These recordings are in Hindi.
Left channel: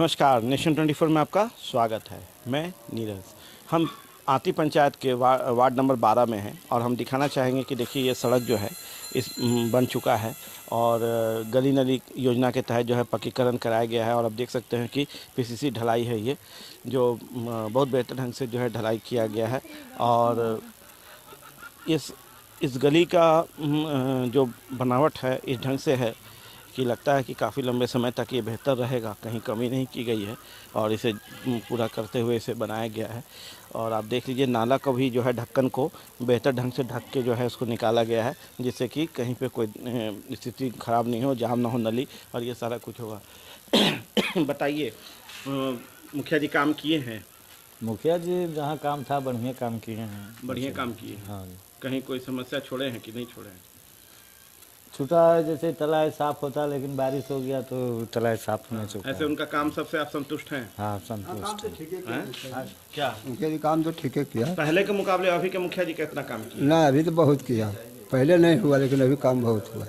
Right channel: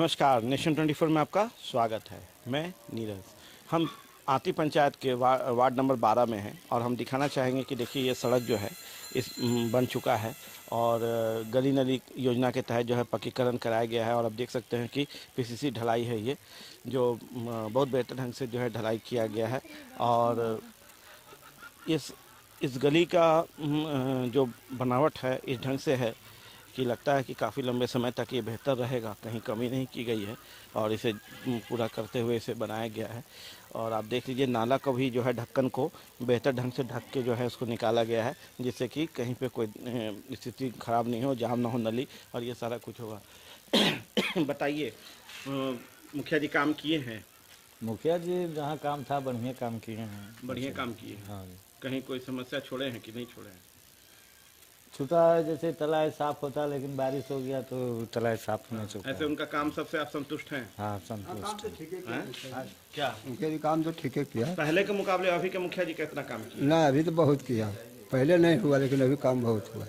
नमस्कार, नेशन 24 में आपका स्वागत है। मैं नीरज। हम आती पंचायत के वार्ड नंबर 12 में हैं और हम दिखाना चाहेंगे कि देखिए ये सड़क जो है इस बन चुका है और गली नली योजना के तहत जो है पक्कीकरण कराया गया है। और आप देख सकते हैं कि पीसीसी ढलाई है, ये जो बहुत बेहतर ढंग से जो है ढलाई किया गया है। और इस गली का जो बनावट है इस ढंग से है कि लगता है कि काफ़ी लंबे समय तक ये बेहतर रहेगा, कहीं कमी नहीं की गई है और इसे पूरा करते हुए इसे बनाया गया है। और आप देख लीजिए नाला का भी जो है ढक्कन को बेहतर ढंग से ढक के जो है उसको निकाला गया है, जिससे कि कहीं पे कोई स्थिति ख़राब नहीं हो, जाम ना हो नली, और ये सारा कुछ होगा। बताइए, मुखिया जी काम किए हैं? मुखिया जी जहाँ काम था बढ़िया काम किए हैं। बढ़िया काम किए हैं। हाँ, कहीं कोई समस्या छोड़े हैं कि नहीं छोड़े हैं? छूटा है, जैसे तालाब साफ होता, लेकिन बारिश हो गया तो तालाब साफ नहीं चुका। ऐसे उनका काम सबसे आप संतुष्ट हैं? हाँ, संतुष्ट हैं? क्या मुखिया जी काम तो ठीक है किया। पहले के मुकाबले अभी के मुखिया जी कितना काम किया? ना अभी तो बहुत किया, पहले नहीं हुआ लेकिन अभी काम बहुत हुआ।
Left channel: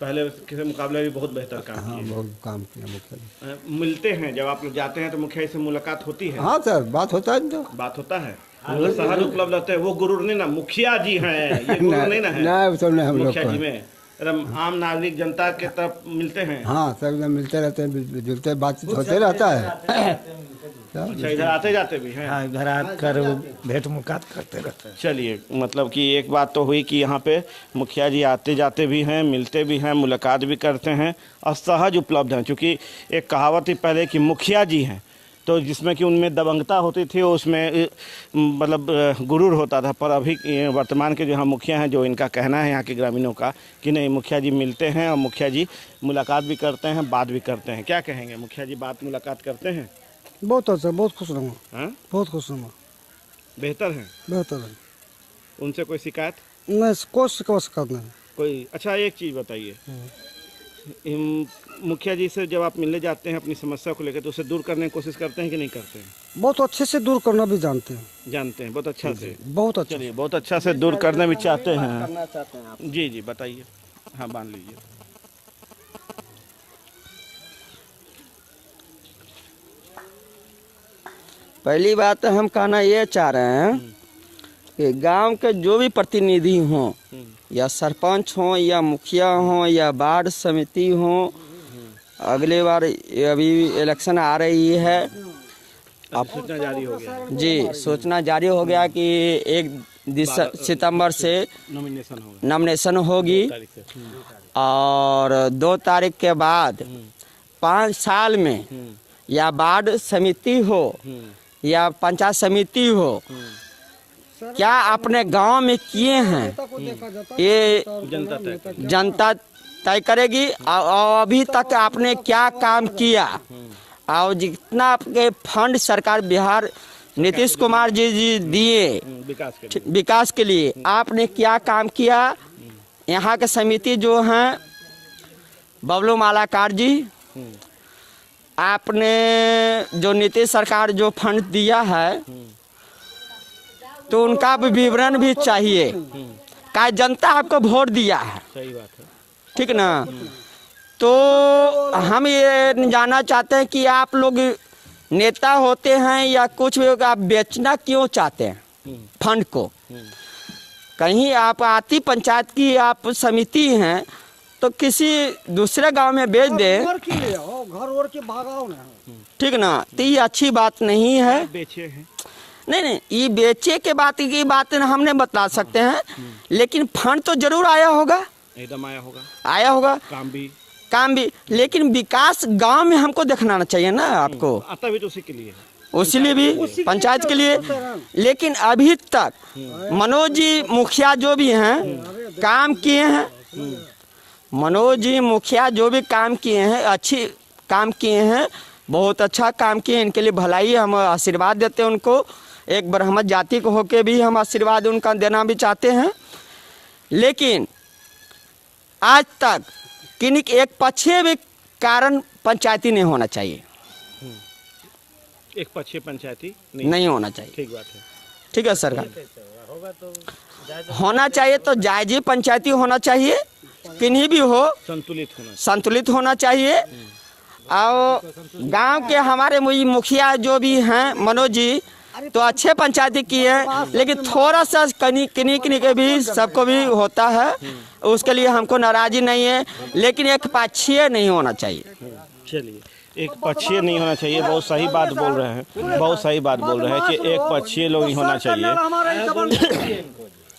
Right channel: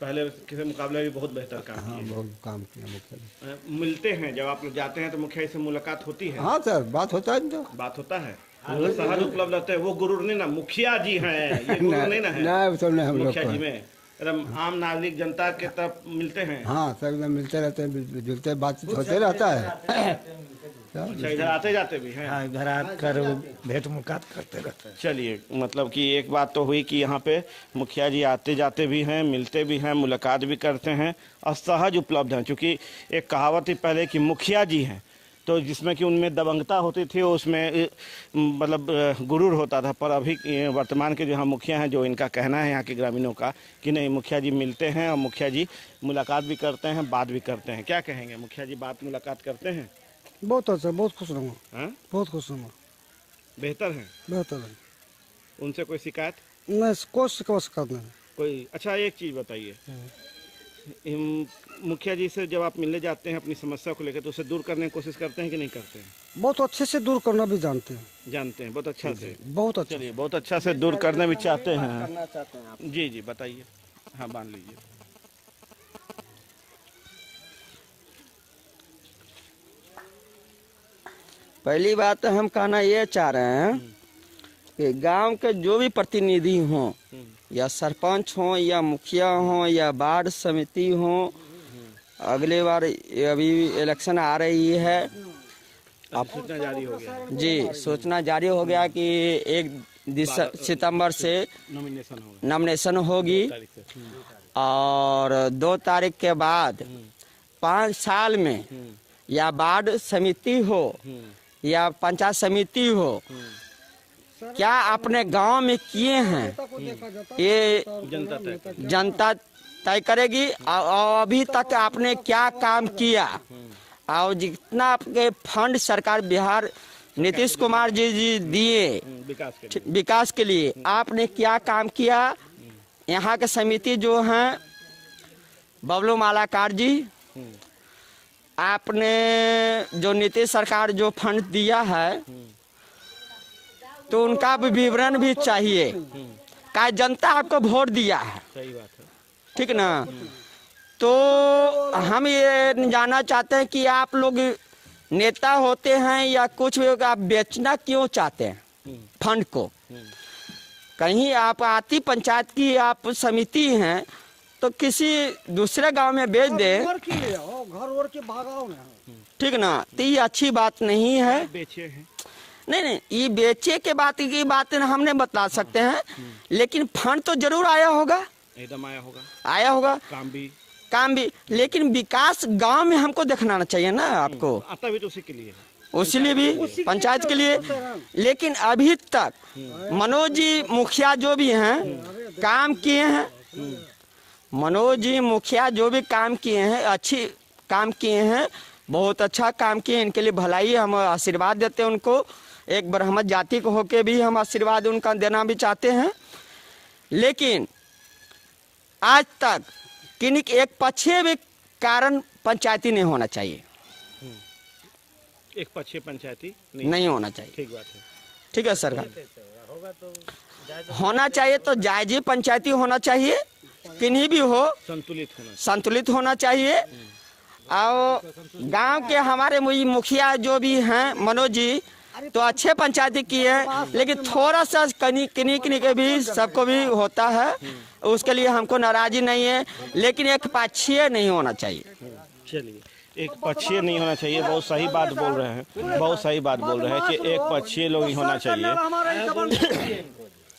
पहले के मुकाबले भी बहुत बेहतर काम हाँ किया। बहुत काम किया मुखिया जी। मिलते हैं जब आप लोग जाते हैं तो मुखिया से मुलाकात होती है? हाँ सर, बात होता है तो बात होता है। वो शहर उपलब्ध रहते हैं, वो गुरूर नहीं ना, मुखिया जी हैं, ये गुरूर नहीं ना है। ना वो तो नहीं हम लोग मुखिया को जी में आम नागरिक जनता के तरफ मिलते हैं। हाँ सब एकदम मिलते रहते हैं, जुलते बातचीत होते रहता है। अच्छा, इधर आते जाते भी हैं? हाँ, घर आकर भेंट मुलाकात करते रहते हैं। चलिए, मतलब कि एक बात तो हुई कि यहाँ पे मुखिया जी आते जाते भी हैं, मिलते भी हैं, मुलाकात भी करते हैं और सहज उपलब्ध हैं। क्योंकि एक कहावत थी पहले कि मुखिया जी हैं, तो जिसमें कि उनमें दबंगता होती थी, उसमें मतलब गुरूर होता था। पर अभी वर्तमान के जो यहाँ मुखिया हैं, जो इनका कहना है यहाँ के ग्रामीणों का कि नहीं, मुखिया जी मिलते हैं और मुखिया जी मुलाकात भी करते हैं, बात भी करते हैं। क्या कहेंगे, मुखिया जी बात मुलाकात करते हैं? बहुत अच्छा, बहुत खुश रहूँगा। हाँ, बहुत खुश रहूँगा। बेहतर हैं? बेहतर है, उनसे कोई शिकायत? नहीं कोई शिकायत नहीं। कोई अच्छा, एक चीज़ बताइए, मुखिया जी से जब आप मिलने जाते हैं अपनी समस्या को लेकर, तो उसे दूर करने की कोशिश करते हैं कि नहीं करते हैं? बहुत अच्छे से दूर करना भी जानते हैं। जानते हैं, बहुत अच्छा से। बहुत अच्छा। चलिए, बहुत अच्छा से दूर करना भी चाहते हैं। जी जी, बताइए। हाँ, बांध लीजिए। पहली बात तो हम कहना ये चाह रहे हैं कि गांव के जो भी प्रतिनिधि हों, या सरपंच हों या मुखिया हों या वार्ड समिति हों, अगले बार अभी इलेक्शन आ रही है, अब सूचना जारी हो गया है। जी सूचना जारी हो गया कि 1 सितंबर से नॉमिनेशन होगी और 2 तारीख के बाद 5 साल में या वार्ड समिति हो या पंचायत समिति हो, क्या अपने गांव में किए हैं ये जनता तय करेगी। और अभी तक आपने क्या काम किया और जितना आपके फंड सरकार बिहार नीतीश कुमार जी दिए विकास के लिए, आपने क्या काम किया। यहाँ के समिति जो हैं बबलू मालाकार जी, आपने जो नीतीश सरकार जो फंड दिया है तो उनका भी विवरण भी चाहिए, क्या जनता आपको वोट दिया है। सही बात है, ठीक ना। तो हम ये जानना चाहते हैं कि आप लोग नेता होते हैं या कुछ भी, आप बेचना क्यों चाहते हैं फंड को। कहीं आप आती पंचायत की आप समिति हैं तो किसी दूसरे गांव में बेच दें, घर के भागाओ ना। ठीक ना। तो ये अच्छी बात नहीं है। बेचे हैं? नहीं, ये बेचे के बात की बात हम नहीं बता सकते हैं, लेकिन फंड तो जरूर आया होगा, एकदम आया होगा काम भी। लेकिन विकास गांव में हमको देखना चाहिए ना आपको। आता भी तो उसी के लिए, उसलिए भी पंचायत के लिए। लेकिन अभी तक मनोज जी मुखिया जो भी हैं काम किए हैं, मनोज जी मुखिया जो भी काम किए हैं अच्छी काम किए हैं, बहुत अच्छा काम किए। इनके लिए भलाई हम आशीर्वाद देते हैं उनको। एक ब्राह्मण जाति को होके भी हम आशीर्वाद उनका देना भी चाहते हैं। लेकिन आज तक किन्हीं एक पक्षीय भी कारण पंचायती नहीं होना चाहिए, एक पक्षीय पंचायती नहीं होना चाहिए। ठीक बात है, ठीक है सरकार, होना चाहिए तो जायजी पंचायती होना चाहिए, किन्हीं भी हो संतुलित होना चाहिए। और गांव के हमारे मुखिया जो भी हैं मनोज जी, तो अच्छे पंचायती किए हैं, लेकिन थोड़ा सा किन्हीं के भी सबको भी होता है, उसके लिए हमको नाराजी नहीं है, लेकिन एक पक्षीय नहीं होना चाहिए। चलिए, एक पक्षीय नहीं होना चाहिए, बहुत सही बात बोल रहे हैं, बहुत सही बात बोल रहे हैं कि एक पक्षीय लोग नहीं होना चाहिए।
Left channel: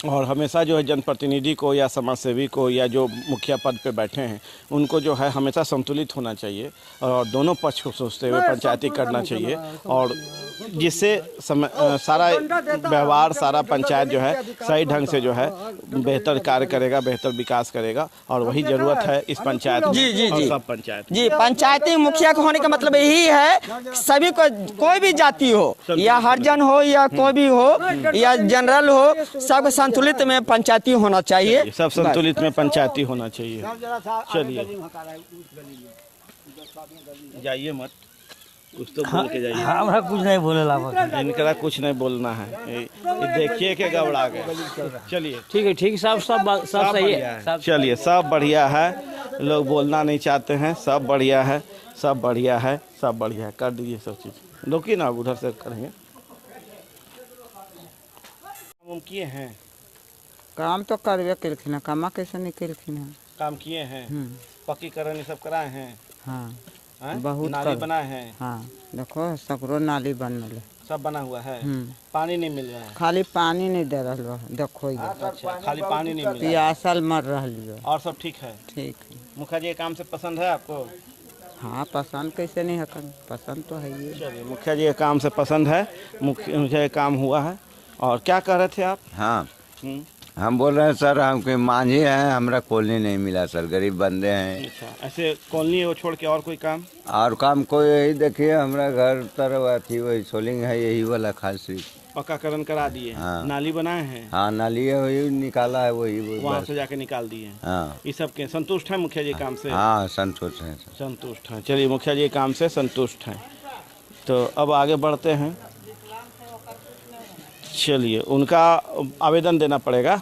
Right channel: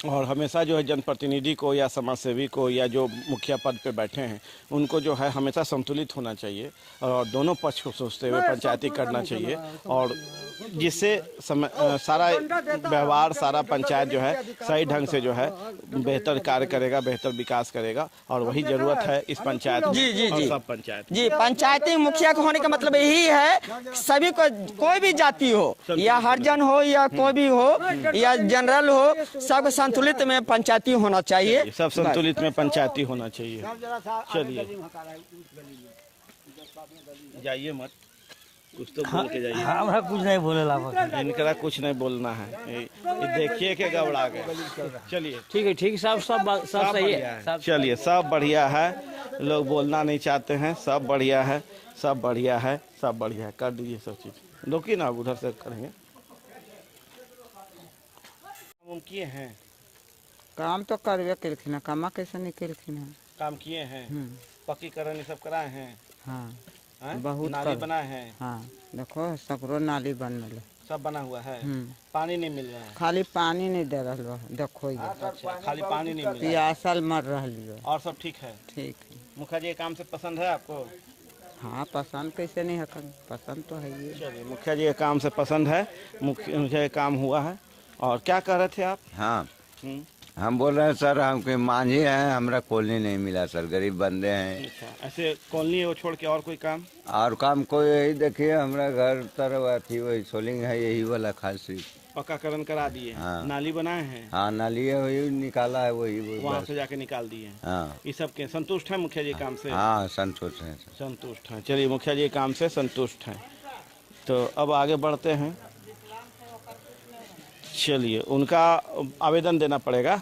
और हमेशा जो है जनप्रतिनिधि को या समाज सेवी को या जो मुखिया पद पे बैठे हैं उनको जो है हमेशा संतुलित होना चाहिए और दोनों पक्ष को सोचते हुए पंचायती करना चाहिए, और जिससे सारा व्यवहार सारा पंचायत जो है सही ढंग से जो है बेहतर कार्य करेगा, बेहतर विकास करेगा, और वही जरूरत है इस पंचायत में। जी और सब पंचायत जी, पंचायती मुखिया को होने का मतलब यही है, सभी को कोई भी जाति हो या हरिजन हो या कोई भी हो या जनरल हो, सब संतुलित में पंचायती होना चाहिए। सब संतुलित में पंचायती होना चाहिए। चलिए, जाइए मत, कुछ तो बोल के जाइए। हमरा कुछ नहीं बोले ला, इनका कुछ नहीं बोलना है, ये देखिए के घबरा गए। चलिए, ठीक है, ठीक, सब सही है। चलिए, सब बढ़िया है, लोग बोलना नहीं चाहते हैं, सब बढ़िया है, सब बढ़िया है, सब बढ़िया है, कर दीजिए सब चीज़। रुकिए ना, उधर से करेंगे। हम किए हैं काम तो करवे कलखिन है, कामा कैसे नहीं कलखिन है। काम किए हैं, पक्कीकरण ये सब कराए हैं, हाँ हैं? बहुत नाली कर- बनाए हैं, हाँ देखो सकरो नाली बनल सब बना हुआ है, पानी नहीं मिल रहा है। खाली पानी नहीं दे रहा है, देखो ये अच्छा, खाली पानी नहीं मिल रहा है, पियासल मर रही है। और सब ठीक है। ठीक है, मुखिया जी के काम से पसंद है आपको? हाँ पसंद कैसे नहीं है, पसंद तो है ही। चलिए, मुखिया जी के काम से पसंद है, मुझे काम हुआ है। और क्या कह रहे थे आप? हाँ, हम्म, हम बोल रहे हैं सर, हमके मांझी हैं, हमरा कॉलोनी नहीं मिला सर, गरीब बंदे हैं। अच्छा, ऐसे कॉलोनी वो छोड़ के और कोई काम? और काम कोई यही देखिए, हमरा घर तरफ थी वही सोलिंग है, यही वाला खास चीज। पक्काकरण करा दिए, हाँ। नाली बनाए हैं, हाँ, नाली है वही निकाला है, वही वहाँ बस। से जाके निकाल दिए। हाँ ये सब के संतुष्ट है मुखिया जी काम से? हाँ, संतोष है सर। संतुष्ट हैं। चलिए, मुखिया जी काम से संतुष्ट हैं। तो अब आगे बढ़ते हैं। चलिए, उनका आवेदन देना पड़ेगा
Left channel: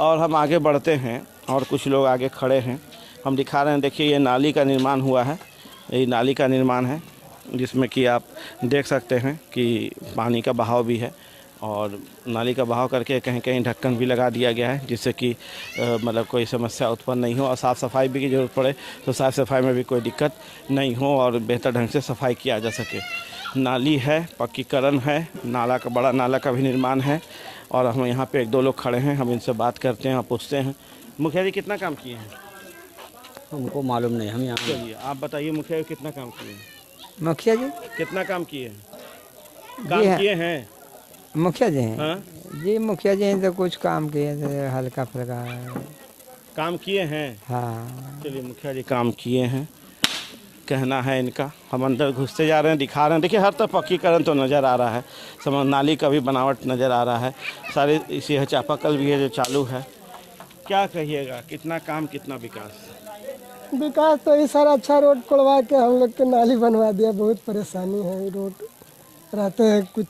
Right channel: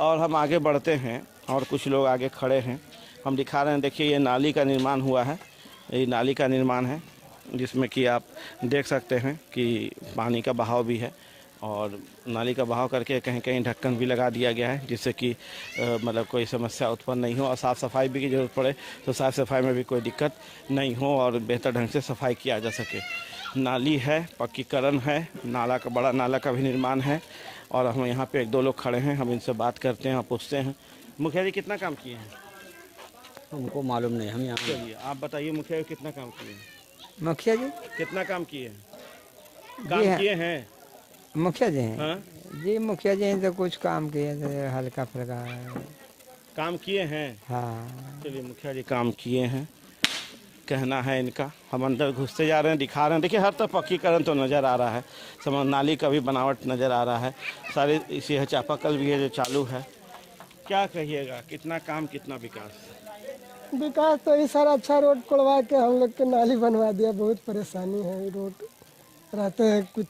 और हम आगे बढ़ते हैं। और कुछ लोग आगे खड़े हैं, हम दिखा रहे हैं। देखिए, ये नाली का निर्माण हुआ है, ये नाली का निर्माण है, जिसमें कि आप देख सकते हैं कि पानी का बहाव भी है, और नाली का बहाव करके कहीं कहीं ढक्कन भी लगा दिया गया है, जिससे कि मतलब कोई समस्या उत्पन्न नहीं हो, और साफ़ सफाई भी की जरूरत पड़े तो साफ़ सफाई में भी कोई दिक्कत नहीं हो और बेहतर ढंग से सफाई किया जा सके। नाली है, पक्कीकरण है, नाला का बड़ा नाला का भी निर्माण है, और हम यहाँ पे एक दो लोग खड़े हैं, हम इनसे बात करते हैं और पूछते हैं। मुखिया जी कितना काम किए हैं? हमको मालूम नहीं, हम यहाँ चलिए, आप बताइए मुखिया जी कितना काम किए हैं? मुखिया जी कितना काम किए हैं? जी काम है। किए हैं? मुखिया जी हैं हाँ, जी, मुखिया जी हैं तो कुछ काम किए थे हल्का फुल्का। काम किए हैं। हाँ चलिए, मुखिया जी काम किए हैं, कहना है इनका। हम अंदर घुसते जा रहे हैं, दिखा रहे हैं। देखिए, हर तरफ पक्कीकरण तो नज़र आ रहा है, समझ नाली का भी बनावट नज़र आ रहा है, सारे इसी है, चापाकल भी है जो चालू है। क्या कहिएगा, कितना काम कितना विकास? विकास तो इस सारा अच्छा रोड कोड़वा के हम लोग के नाली बनवा दिया। बहुत परेशानी है, रोड रहते हैं, कुछ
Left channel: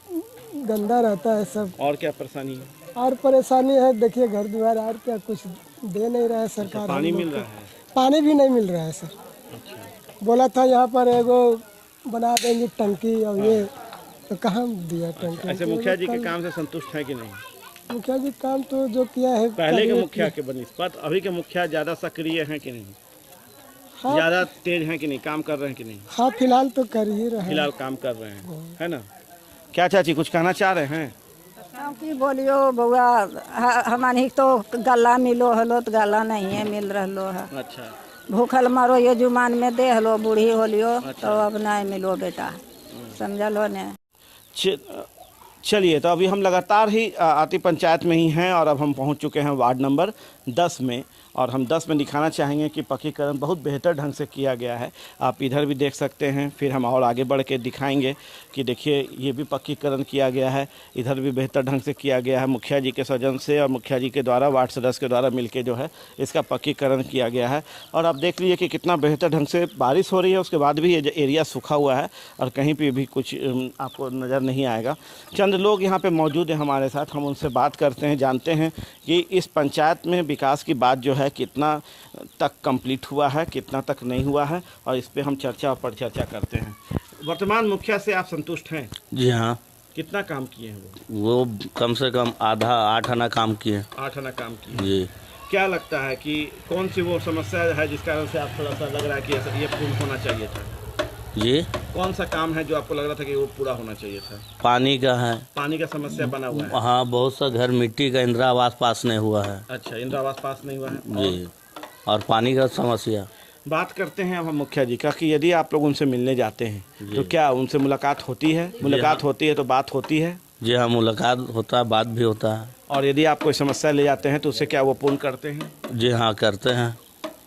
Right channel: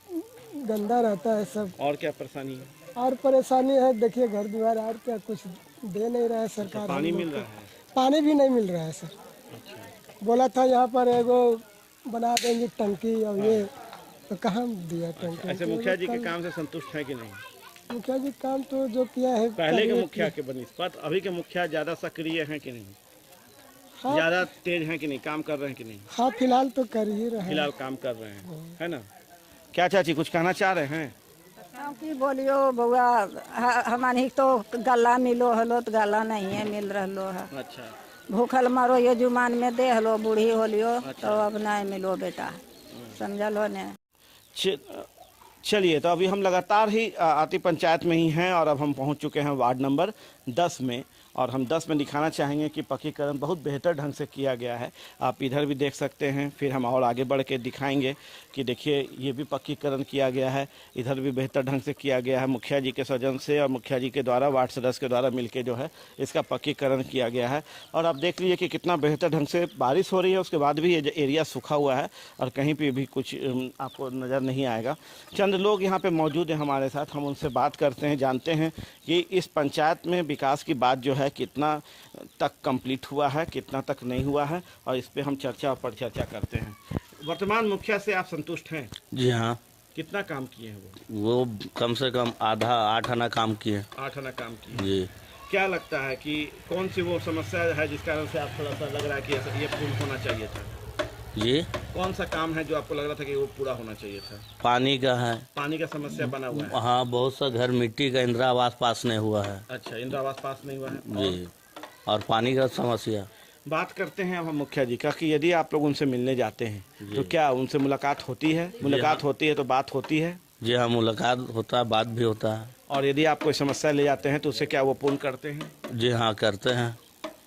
गंदा रहता है सब। और क्या परेशानी है? और परेशानी है, देखिए घर द्वार और क्या कुछ दे नहीं रहा है सरकार। पानी हम लोग मिल को। रहा है? पानी भी नहीं मिल रहा है सर। बोला था यहाँ पर एगो बना देंगे टंकी, और ये तो कहाँ दिया टंकी। ऐसे मुखिया जी के काम से संतुष्ट है कि नहीं? मुखिया जी काम तो जो किया है पहले के करिए मुखिया कि- के बनिस्पत अभी के मुखिया ज़्यादा सक्रिय हैं कि नहीं? हाँ, ज़्यादा तेज हैं कि नहीं? काम कर रहे हैं कि नहीं? हाँ फिलहाल तो कर ही रहे हैं। फिलहाल काम कर रहे हैं, है ना? क्या चाची कुछ कहना चाह रहे हैं? की बोलियो बउआ, हमारी तो गला मिलो हलो तो गला नहीं है मिल रहा है। अच्छा, भूखल मरो ये जुमान में दे हलो, बूढ़ी होलियो तो अब नहीं मिलो बेटा, समझलो ने। चलिए, तो अभी हम लगातार ही आती पंचायत में ही हैं, और अब हम पहुंच चुके हैं वार्ड नंबर 10 में, और हम 10 में दिखाना चाहेंगे कि पक्कीकरण बहुत बेहतर ढंग से किया गया है। आप इधर भी देख सकते हैं, फिर हम और आगे बढ़ के दिखाएंगे कि देखिए ये भी पक्कीकरण किया गया है, इधर भी बेहतर ढंग से किया गया है। मुखिया जी के सजन से और मुखिया जी के द्वारा, वार्ड सदस्य के द्वारा मिलकर जो है इसका पक्कीकरण किया गया है। और आप देख लीजिए कि कितना बेहतर ढंग से बारिश हो रही है, उसके बाद भी ये एरिया सूखा हुआ है और कहीं पर भी कुछ आपको नज़र नहीं आएगा। चंद लोग यहाँ पर मौजूद हैं हमारे साथ, हम उनसे बात करते हैं, जानते हैं कि इस पंचायत में विकास की बात जो है है कितना तक कंप्लीट हुआ है, कितना तक नहीं हुआ है, और इस पे हम चर्चा और परिचर्चा करते हैं। वर्तमान मुखिया से आप संतुष्ट हैं? जी हाँ, कितना काम किए हैं वो? वो कम से कम आधा 8 आना काम किए। 8 आना काम किए। जी। क्या लगता है कि कौन सी वो समस्या है जिस कारण से आप थोड़ा सा लग रहा है कि ये पूर्ण होना चाहिए था? जी। कौन सा काम है जो आपको लग रहा था कि वो पूरा होना चाहिए था? पानी का है। पानी का समस्या बना हुआ है। हाँ, बहुत सा घर मिट्टी का इंदिरा आवास पास नहीं हुआ है। अच्छा, इंदिरा आवास पास नहीं हुआ है। जी। और पानी का समस्या। बात करते हैं अब हम मुखिया जी का कि यदि आप लोग उनसे मिलने जाते हैं तो क्या उनसे मुलाकात होती है? मुलाकात होती है तो बात होती है? जी हाँ, मुलाकात होता है, बात भी होता है। और यदि आप कोई समस्या ले जाते हैं तो उससे क्या वो पूर्ण करते हैं? जी हाँ, करते हैं।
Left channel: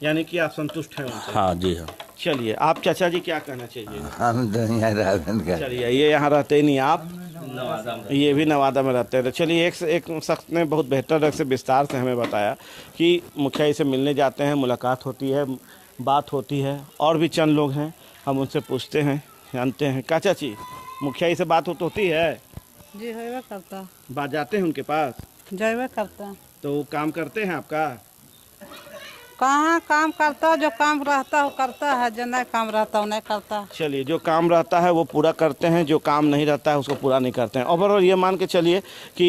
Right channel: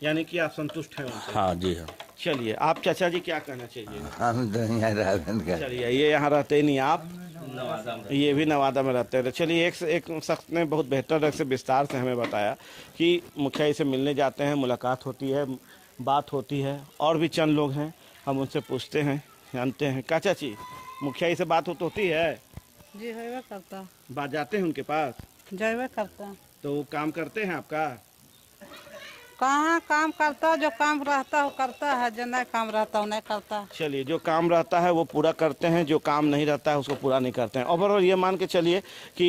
यानी कि आप संतुष्ट हैं उनसे? हाँ जी हाँ। चलिए, आप चाचा जी क्या कहना चाहिए? हम तो यहाँ राजन का। चलिए, ये यहाँ रहते ही नहीं, आप ये भी नवादा में रहते हैं। तो चलिए, एक शख्स ने बहुत बेहतर ढंग से विस्तार से हमें बताया कि मुखिया जी से मिलने जाते हैं, मुलाकात होती है, बात होती है। और भी चंद लोग हैं, हम उनसे पूछते हैं, जानते हैं। का चाची, मुखिया जी से बात होती है? जी है करता, बात जाते हैं उनके पास? जयवे करता। तो वो काम करते हैं आपका? कहाँ काम करता, जो काम रहता वो करता है, जो नहीं काम रहता वो नहीं करता। चलिए, जो काम रहता है वो पूरा करते हैं, जो काम नहीं रहता है उसको पूरा नहीं करते हैं। ओवरऑल ये मान के चलिए कि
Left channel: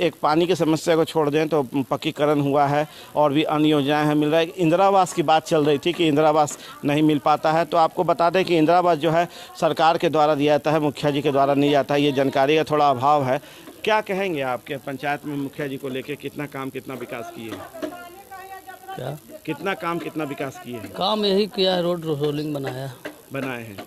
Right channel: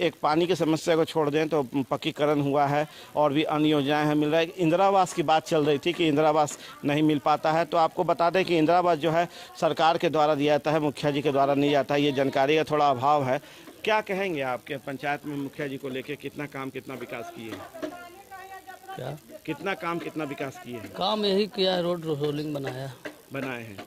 एक पानी की समस्या को छोड़ दें तो पक्कीकरण हुआ है और भी अन्य योजनाएं हैं, मिल रहा है। इंदिरा आवास की बात चल रही थी कि इंदिरा आवास नहीं मिल पाता है, तो आपको बता दें कि इंदिरा आवास जो है सरकार के द्वारा दिया जाता है, मुखिया जी के द्वारा नहीं जाता है। ये जानकारी का थोड़ा अभाव है। क्या कहेंगे आपके पंचायत में मुखिया जी को लेकर कितना काम कितना विकास किए हैं? क्या कितना काम कितना विकास किए हैं? काम यही किया है, रोड रोलिंग बनाए हैं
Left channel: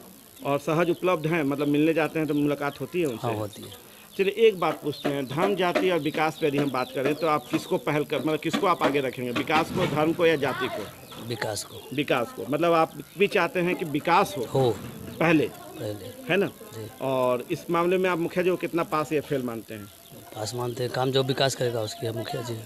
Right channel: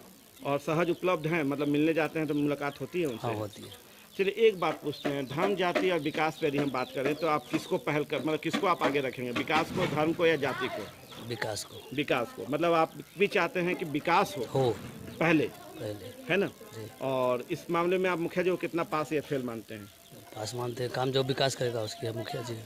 और सहज उपलब्ध हैं, मतलब मिलने जाते हैं तो मुलाकात होती है उनसे? हाँ, होती है। चलिए, एक बात पूछते हैं, धर्म जाति और विकास पे यदि हम बात करें तो आप किसको पहल कर, मतलब किसको आप आगे रखेंगे, विकास को, धर्म को या जाति को? विकास को। विकास को, मतलब आप भी चाहते हैं कि विकास हो पहले, है ना? और इस मामले में आप मुखिया जी को कितना पास या फेल मानते हैं? पास मानते हैं। काम जो विकास करेगा उसकी मुखिया जी।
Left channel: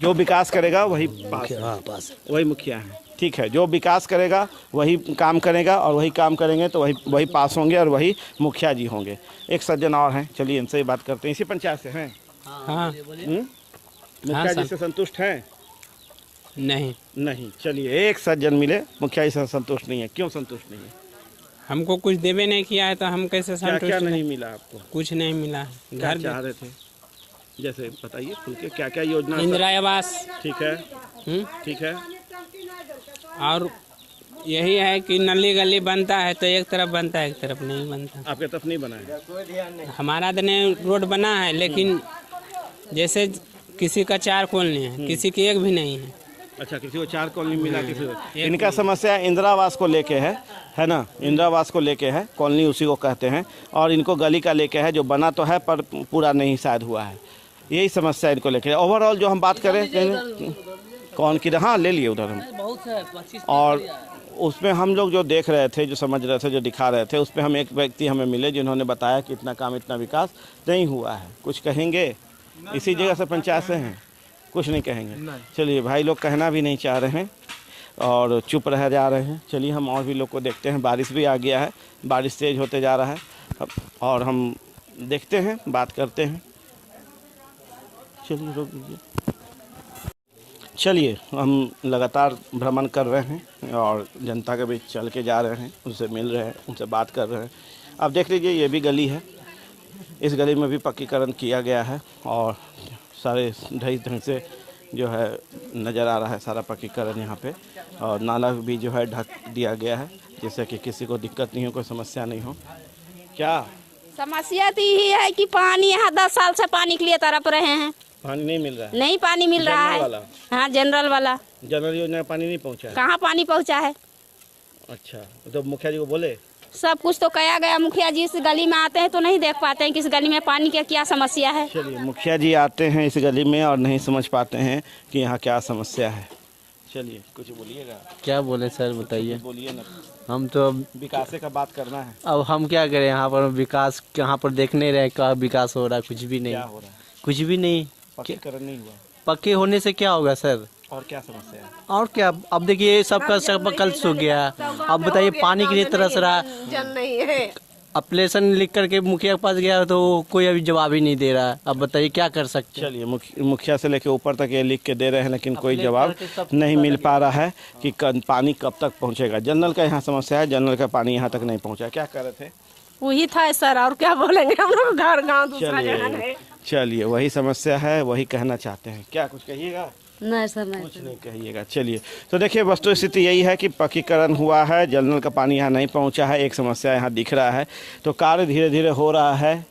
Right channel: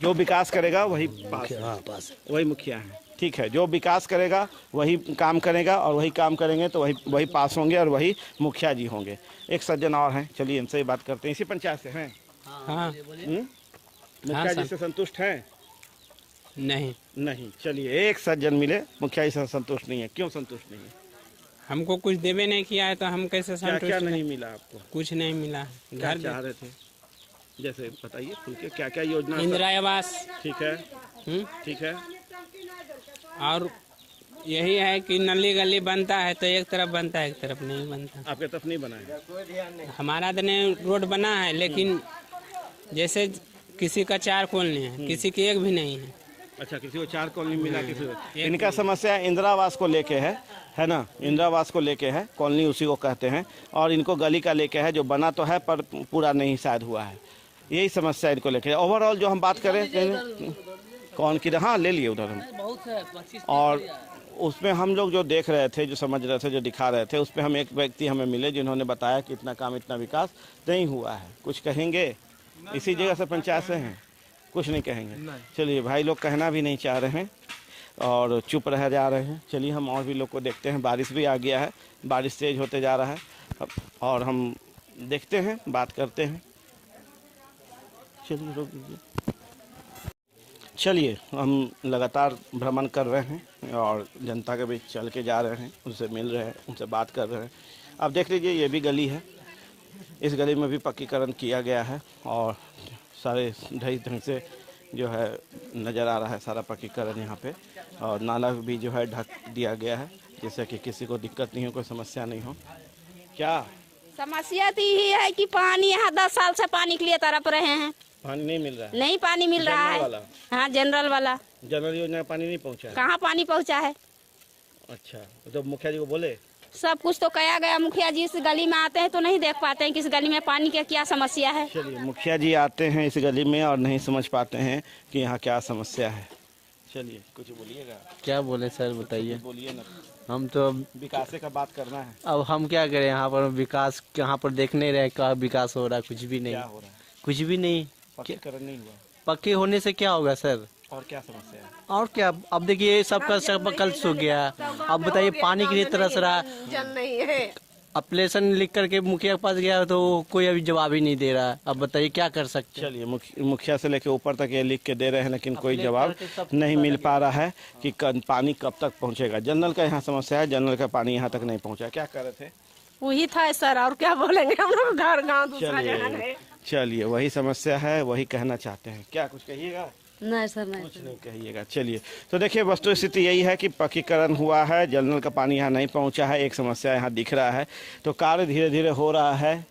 जो विकास करेगा वही पास है। हाँ, पास वही मुखिया है। ठीक है, जो विकास करेगा वही काम करेगा और वही काम करेंगे तो वही पास होंगे और वही मुखिया जी होंगे। एक सज्जन और हैं, चलिए इनसे ही बात करते हैं। इसी पंचायत से हैं? हाँ। मुखिया जी से संतुष्ट हैं? नहीं। चलिए, एक सज्जन मिले, मुखिया जी से संतुष्ट नहीं है। क्यों संतुष्ट नहीं है? हमको कुछ देवे नहीं किया है तो हम कैसे संतुष्ट? क्या नहीं मिला आपको? कुछ नहीं मिला। क्या चाह रहे थे? जैसे बताइए खुल के, क्या क्या योजना? इंदिरा आवास। ठीक है। ठीक है। और यही है कि नली गली बनता है तो एक तरफ बनता है, एक तरफ नहीं बनता। आपके तरफ नहीं बना है? हमारा तो नहीं रोड बना है, लेकिन जैसे किसी का 4 कॉलोनी है, किसी की एक भी नहीं है। अच्छा, किसी को 4 कॉलोनी मिला, किसी को। इनका समस्या इंदिरा आवास को लेके है ना? इंदिरा आवास को लेके है, कॉलोनी उसी को कहते हैं, और इनको गली का लेके है, जो बना तो है पर पूरा नहीं शायद हुआ है। यही समस्या इनको लेके। ओवरऑल जो हम बात करें कौन की, हाँ ले लिए उधर हम, और उसमें हम लोग जो देख रहे थे, जो समझ रहे थे, जो दिखा रहे थे, उस पर हम एक व्यक्ति हमें मिले जिन्होंने बताया कि इतना काम इतना विकास नहीं हुआ है। कुछ कहेंगे? इसी जगह से पंचायत से हैं, कुछ नहीं कहेंगे? चलिए, भाई लोग कहना भी नहीं चाह रहे हैं और चुप रह जा रहे हैं। चलिए, हम और भी लोग को देखते हैं। बारिश भी आ गया है, बारिश तेज होते जा रहा है और हम देखते हैं, बात करते हैं। चलिए, रोक दीजिए। चलिए, हम लगातार भ्रमण कर रहे हैं और जनता के बीच चल के जा रहे हैं, उनसे मिल रहे हैं, उनसे बात कर रहे हैं। अब देख लीजिए, ये भी गली है, इस गली में भी पक्कीकरण किया गया है और सारे ढंग ढंग से जो है नज़र आ रहा है सारा पक्कीकरण यहाँ पे, और नाला भी जो है ढक दिया गया है जिससे कि किसी को दिक्कत नहीं हो, कोई समस्या नहीं हो। क्या समस्या तो यही है कि पानी यहाँ 10 साल से पानी के लिए तरफ रहे हैं, पानी नहीं मिल रहा है? नहीं पानी मिल रहा है। हाँ, जनरल वाला, जनरल योजना में पानी नहीं पहुँचा है? कहाँ पानी पहुँचा है? अच्छा, तो मुखिया जी को बोले? सब कुछ तो कहा गया। मुखिया जी इस गली में आते हैं तो नहीं देख पाते हैं कि इस गली में पानी की क्या समस्या है। चलिए, मुखिया जी आते हैं इस गली में और नहीं समझ पाते हैं कि यहाँ क्या समस्या है। चलिए, कुछ बोलिएगा। क्या बोले सर, बताइए। बोलिए ना। हम तो विकास का बात करना है। अब हम क्या करें, यहाँ पर विकास यहाँ पर देख नहीं रहे, क्या विकास हो रहा है? कुछ भी नहीं। क्या हो रहा है? कुछ भी नहीं। पक्कीकरण नहीं हुआ। पक्के होने से क्या होगा सर? और क्या समस्या है? और क्या, अब देखिए सबका सब कल सूख गया। अब बताइए, पानी के लिए तरस रहा, जल नहीं है। एप्लीकेशन लिख करके मुखिया के पास गया तो कोई अभी जवाब ही नहीं दे रहा है। अब बताइए क्या कर सकते हैं। चलिए मुखिया से लेके ऊपर तक ये लिख के दे रहे हैं, लेकिन कोई जवाब नहीं मिल पा रहा है कि पानी कब तक पहुंचेगा। जनरल का यहाँ समस्या है, जनरल का पानी यहाँ तक नहीं पहुंचा। क्या कर रहे थे? वही था सर, और क्या बोलेंगे, हम लोग घर गाँव दूसरा जगह गए। चलिए वही समस्या है, वही कहना चाहते हैं। क्या कुछ कहिएगा? नहीं सर, नहीं कुछ नहीं कहिएगा। चलिए तो देखिए वस्तु स्थिति यही है कि पक्कीकरण हुआ है, जनरल का पानी यहाँ नहीं पहुँचा है, एक समस्या यहाँ दिख रहा है। तो कार्य धीरे धीरे हो रहा है,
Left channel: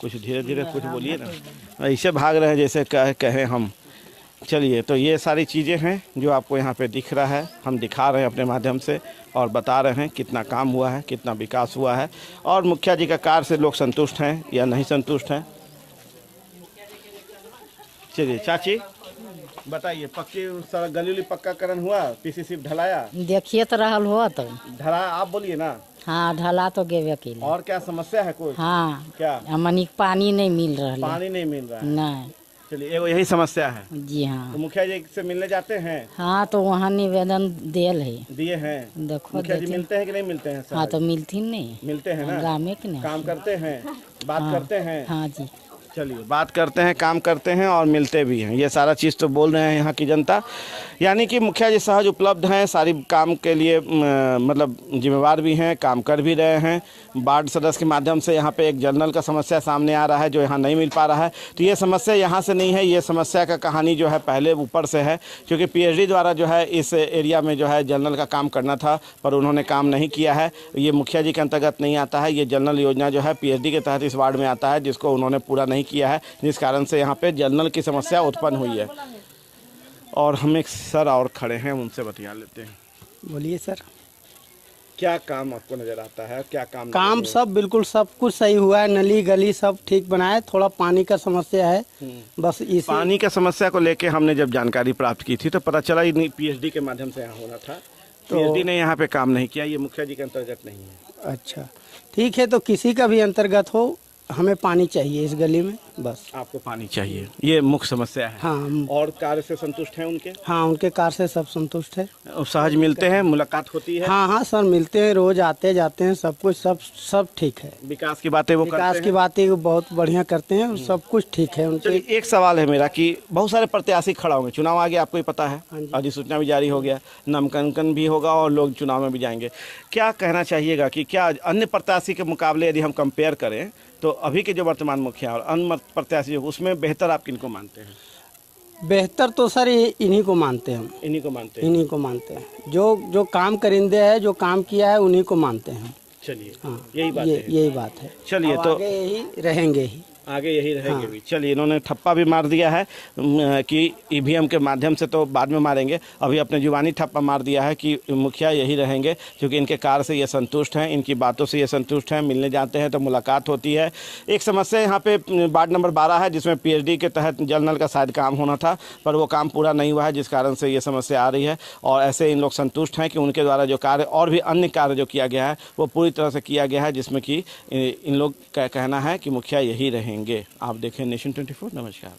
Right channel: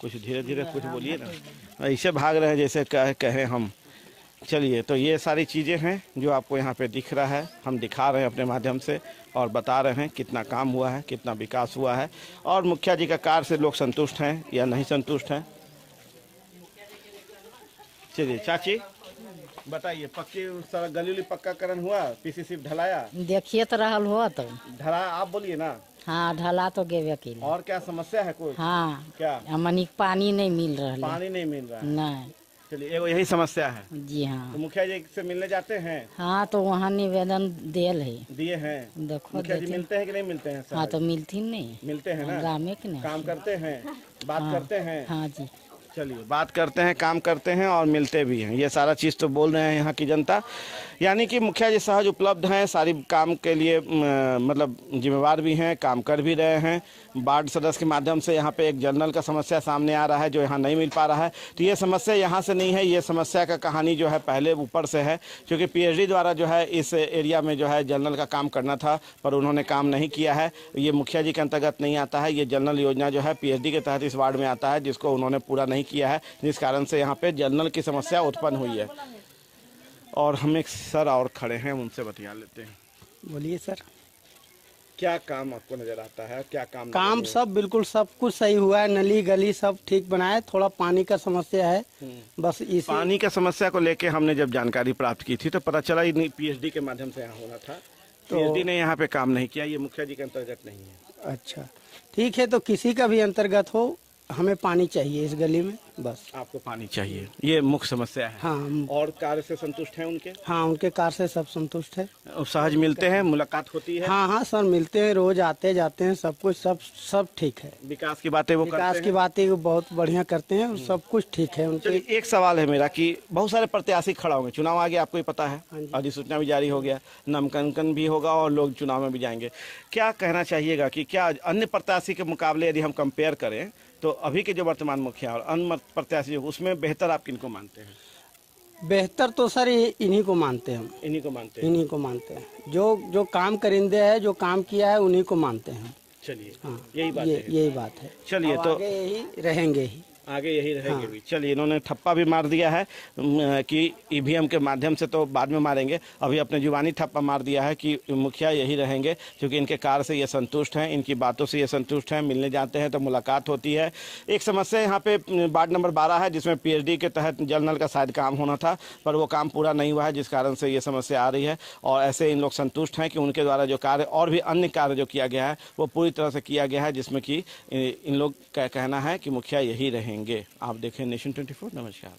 कुछ धीरे धीरे कुछ बोलिए ना, ऐसे भाग रहे हैं जैसे कहें हम। चलिए तो ये सारी चीज़ें हैं जो आपको यहाँ पे दिख रहा है, हम दिखा रहे हैं अपने माध्यम से और बता रहे हैं कितना काम हुआ है, कितना विकास हुआ है और मुखिया जी का कार्य से लोग संतुष्ट हैं या नहीं संतुष्ट हैं। चलिए चाची बताइए, पक्की सड़क गली उली पक्काकरण हुआ, पीसीसी ढलाया? देखिए तो रहल हो तो ढला, आप बोलिए ना। हाँ ढला तो गेबे के लिए। और क्या समस्या है कोई? हाँ क्या? हमनी पानी नहीं मिल रहा है। पानी नहीं मिल रहा है? नहीं। चलिए यही समस्या है। जी हाँ। तो मुखिया जी से मिलने जाते हैं? हाँ तो वहाँ निवेदन दियल है। दिए हैं? देखो मुखिया जी मिलते हैं कि नहीं मिलते हैं? हाँ तो मिलती नहीं। मिलते हैं ना? गाँव में कि नहीं? काम करते हैं, बात करते हैं? हाँ जी। चलिए बात करते हैं, काम करते हैं और मिलते भी हैं, ये सारा चीज़ तो बोल रहे हैं यहाँ की जनता। यानी कि मुखिया जी सहज उपलब्ध हैं, सारी काम के लिए मतलब जिम्मेवार भी हैं, काम कर भी रहे हैं। वार्ड सदस्य के माध्यम से यहाँ पे एक जनरल का समस्या सामने आ रहा है जो यहाँ नहीं मिल पा रहा है। तो ये समस्या यहाँ से नहीं है, ये समस्या का कहानी जो है पहले ऊपर से है, क्योंकि पीएचडी द्वारा जो है इस एरिया में जो है जनरल का काम करना था पर उन्होंने काम नहीं किया है। ये मुखिया जी के अंतर्गत नहीं आता है, ये जनरल योजना जो है पीएचडी के तहत इस वार्ड में आता है, जिसको उन्होंने पूरा नहीं किया है, जिस कारण से यहाँ पे जनरल की समस्या उत्पन्न हुई है। और हम एक सर और खड़े हैं, उनसे बतिया लेते हैं। बोलिए सर। क्या काम आपको नजर आता है? क्या काम सब बिल्कुल सब कुछ सही हुआ है, नली गली सब ठीक बनाए, थोड़ा पानी का समस्या है बस। इस पानी का समस्या को लेके हमने जब जानकारी प्राप्त की थी तो पता चला ये पीएचडी के माध्यम से यहाँ होना था, पीएचडी ने यहाँ पे काम नहीं किया, ये मुखिया जी के अंतर्गत नहीं है। अच्छा ठीक है, तो किसी का भी अंतर्गत हो, हमें पानी चाहिए इस गली में बस। आपको पानी चाहिए, ये मुख्य समस्या है। हाँ। और कार्य से संतुष्ट हैं उनके? हाँ उनके कार्य से सब संतुष्ट है। सहज मिलते हैं, मुलाकात होती है? हाँ हाँ सर मिलते हैं, रोज आते जाते हैं, सब कुछ सब ठीक है। विकास की बातें वो करते हैं? विकास की बातें वो बहुत बढ़िया करते हैं, सब कुछ ठीक है उनके। चलिए एक सवाल है मेरा कि बहुत सारे प्रत्याशी खड़ा होंगे, चुनाव आ गया, आपको ही पता है, अधिसूचना भी जारी हो गया, नामांकन भी होगा और लोग चुनाव में भी जाएंगे। क्या कहना चाहिएगा कि क्या अन्य प्रत्याशी के मुकाबले यदि हम कंपेयर करें तो अभी के जो वर्तमान मुखिया और अन्य प्रत्याशी उसमें बेहतर आप किनको मानते हैं? बेहतर तो सर इन्हीं को मानते हैं। इन्हीं को मानते हैं? इन्हीं को मानते हैं, जो काम करिंदे है, जो काम किया है उन्हीं को मानते हैं। चलिए हाँ यही बात है। यही बात है। चलिए तो आगे यही रहेंगे ही। आगे यही रहेंगे भी। चलिए इन्होंने ठप्पा भी मार दिया है कि ईवीएम के माध्यम से तो बाद में मारेंगे, अभी अपने जुबानी ठप्पा मार दिया है कि मुखिया यही रहेंगे, क्योंकि इनके कार्य से ये संतुष्ट हैं, इनकी बातों से ये संतुष्ट हैं, मिलने जाते हैं तो मुलाकात होती है। एक समस्या यहाँ पे वार्ड नंबर 12 है जिसमें पीएचडी के तहत जनरल का शायद काम होना था पर वो काम पूरा नहीं हुआ है, जिस कारण से ये समस्या आ रही है। और ऐसे इन लोग संतुष्ट हैं कि उनके द्वारा जो कार्य और भी अन्य कार्य जो किया गया है वो पूरी तरह से किया गया है, जिसमें कि इन लोग का कहना है कि मुखिया यही रहेंगे। आप देखें नेशन 24। नमस्कार।